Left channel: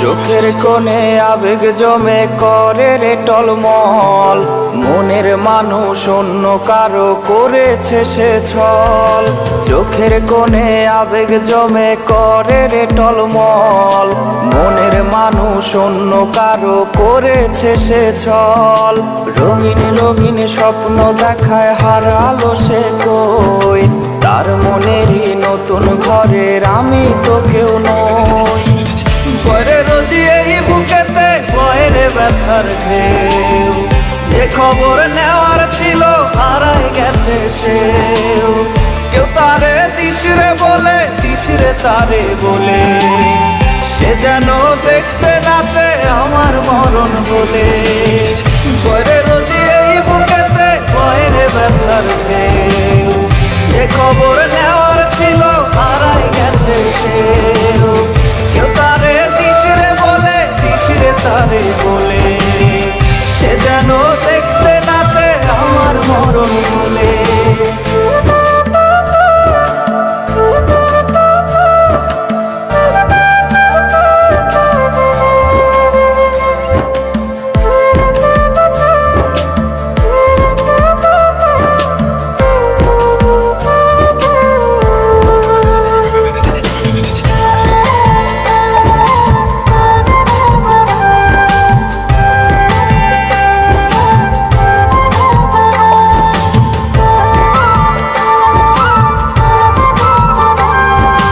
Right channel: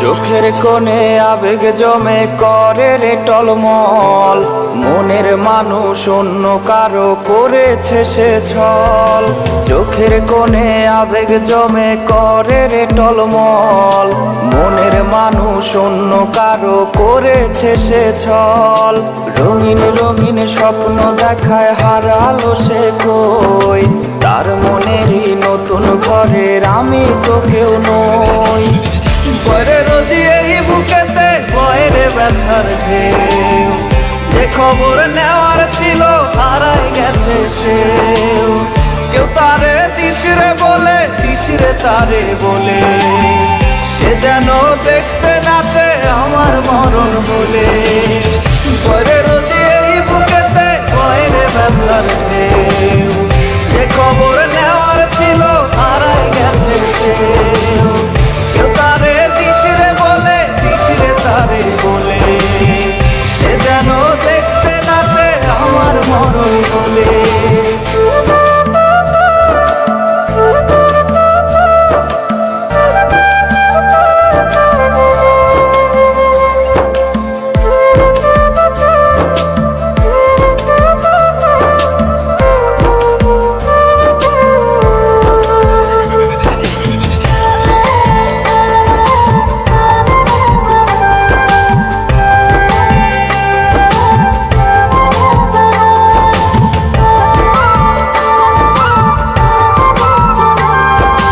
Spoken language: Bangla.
চোখের কোণে আবেগ জমে করে রে টলমল, মনের মানুষ অন্য কারো করেছে সে ছল। চোখের কোণে আবেগ জমে করে রে টলমল, মনের মানুষ অন্য কারো করেছে সে ছল। রঙিন রঙিন স্বপ্ন দেখায় হারালো সে কই, তার মনেরই নতুন ঘরের আমি তো কেউ নই। বরে রোজি এই বুকেতে বয়ের ব্যথার ঢেউ, যে খবর নেওয়ার ছিল হারায় গেছে সেও। কেউ তারে দিশরে বলে, দিশরে তারে বলে, সে যেন দেখতে না সে আমার মরণ বলে। বরে রোজি এই বুকেতে বয়ের ব্যথার ঢেউ, যে খবর নেওয়ার ছিল হারায় গেছে সেও। কেউ তারে দিশরে বলে, দিশরে তারে বলে, সে যেন দেখতে না সে আমার মরণ বলে।